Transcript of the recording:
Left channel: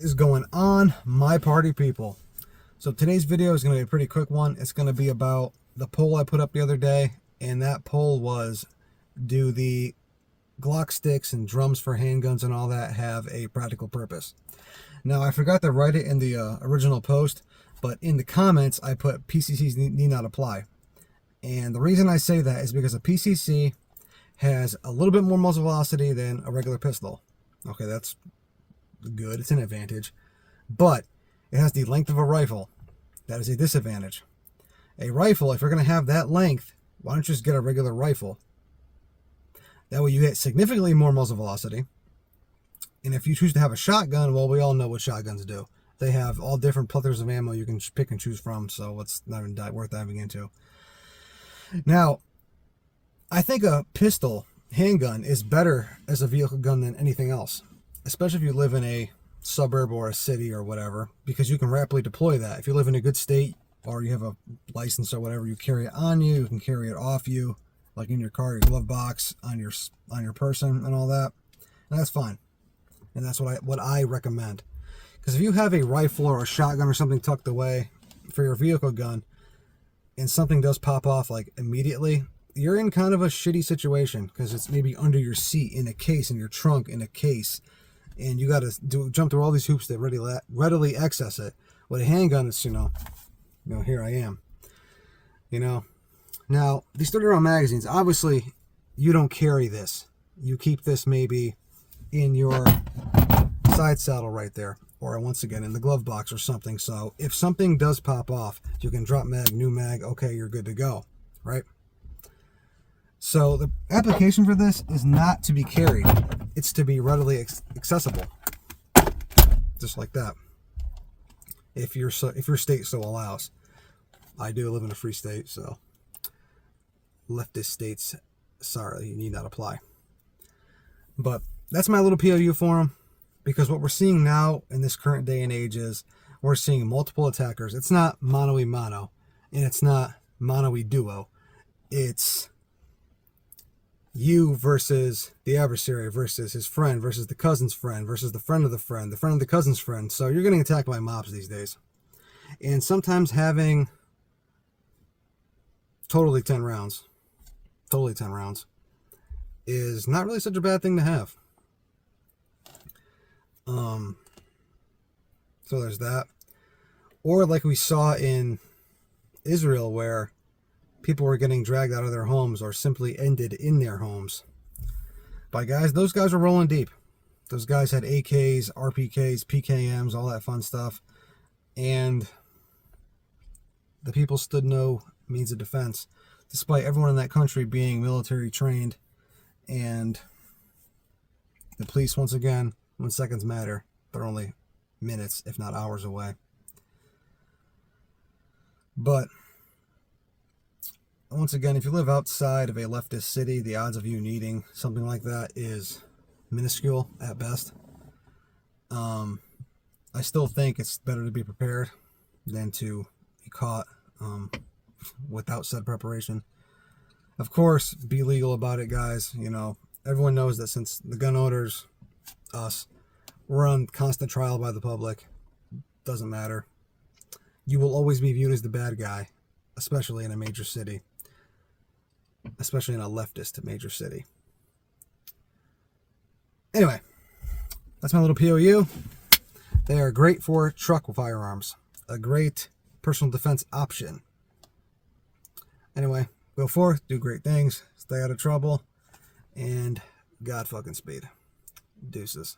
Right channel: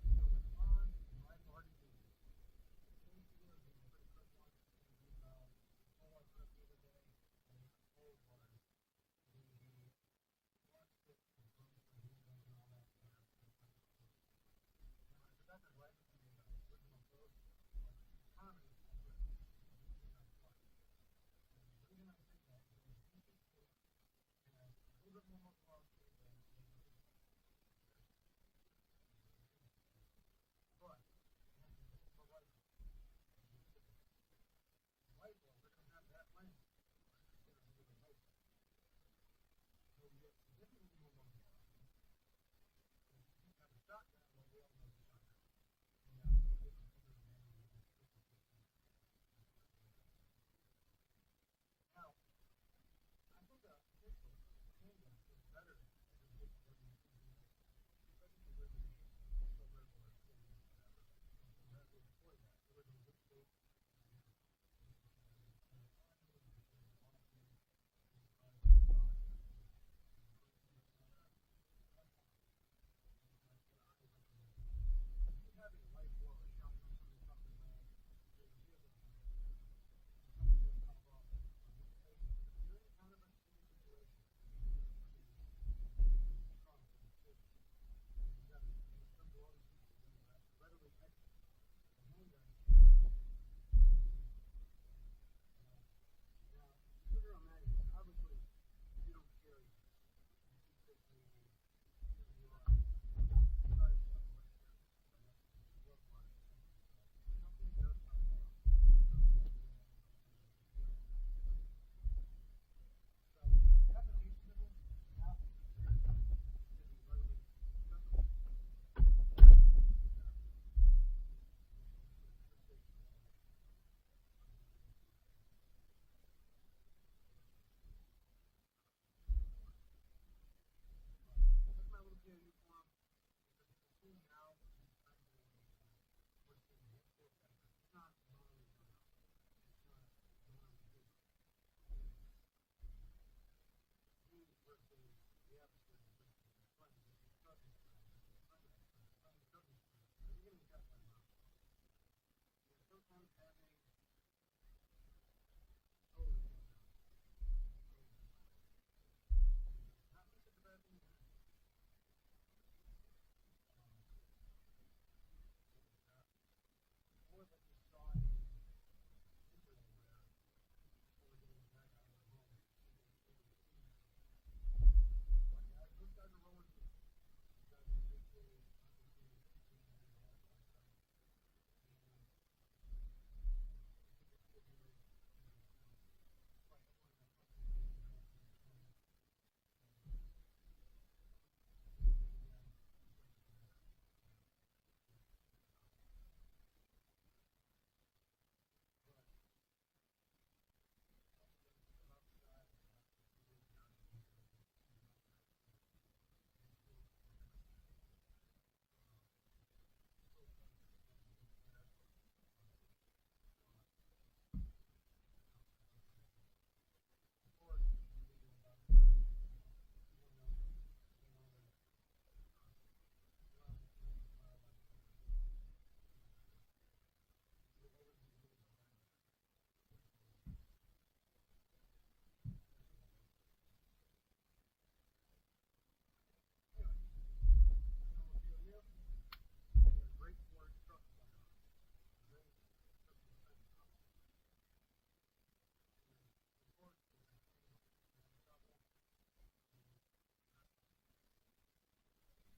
Is going on, my party people? So today's video is going to be a pretty quick one. It's going to be about the poll I put up the other day, and that poll was, do the Glock sticks and drums for handguns and all that have a practical purpose? Now, I forgot to write it in the original post, but in the comments I put PCCs need not apply. And the reason I say that is because a PCC has a little bit more muzzle velocity than a regular pistol. Okay, that's good, it's an advantage, but it has the length of a rifle. That is a disadvantage. A rifle, if you're going to have that length, why don't you just get a regular rifle? That way you get significantly more muzzle velocity. And if you choose to have a shotgun, well, we all know what shotguns do. They have all different plethora of ammo you can pick and choose from, so it's not even worth diving into. Now, I think a pistol handgun is better as a vehicle gun than anything else, especially if you live in a suburb or a city or whatever, because you can rapidly deploy that. If you live in a good state or you have a license or whatever, you carry it on you, you can carry it off you, like in your car, your glove box, on your person and all that. And that's fine. And that's what I recommend. Because if you have a rifle or a shotgun or something tucked away for your vehicle gun and something does pop off like immediately, you're in kind of a shitty situation, because it's maybe under your seat, in a case, in your trunk, in a case, and you got to jump through all these hoops to readily access it. With a handgun, it's here I am. Now these 30-round magazines, obviously, you don't carry this. You keep this maybe in your side saddle right there, or once again in the glove box or something. So if something does pop off, you can drop mag, new mag. Okay, you're good to go, right? So the application for this is not to be carried. It's to be readily accessible. Just like that. If your state so allows. I do live in a free state, so leftist states, sorry, you need not apply. But that's my little POU for them, because what we're seeing now in this current day and age is we're seeing multiple attackers. It's not mano-y-mano, and it's not mano-y-duo. It's you versus the adversary versus his friend versus the cousin's friend versus the friend of the friend of the cousin's friend. So you're getting attacked by mobs these days. And sometimes having totally 10 rounds is not really such a bad thing to have. So there's that. Or like we saw in Israel, where people were getting dragged out of their homes or simply ended in their homes by guys. Those guys were rolling deep. Those guys had AKs, RPKs, PKMs, all that fun stuff. And the people stood no means of defense, despite everyone in that country being military trained. And the police, once again, when seconds matter, they're only minutes, if not hours away. But once again, if you live outside of a leftist city, the odds of you needing something like that is minuscule at best. I still think it's better to be prepared than to be caught without said preparation. Of course, be legal about it, guys. Everyone knows that since the gun owners, us, we're on constant trial by the public. Doesn't matter. You will always be viewed as the bad guy, especially in a major city. Especially in a leftist major city. Anyway, that's my little POU. They are great for truck firearms. A great personal defense option. Anyway, go forth, do great things, stay out of trouble, and God fucking speed. Deuces.